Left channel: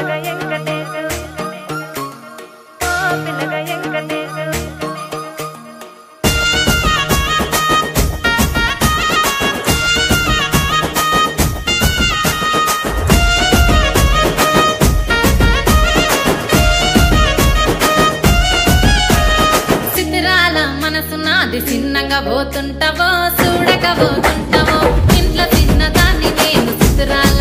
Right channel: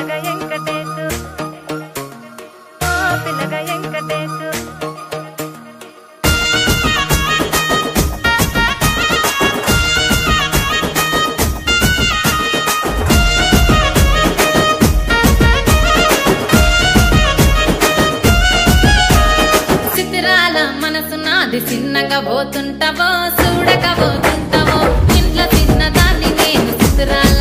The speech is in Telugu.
పిల్లగా వెంకటేశు ఓ పిల్లగా వెంకటేశు సిద్ధిరాల మనసు నాది చిన్నగా పోతుంటావో చూడక పోతుంటావో ఇంట్లో చిన్నదాన్ని నేను సిద్ధిరాల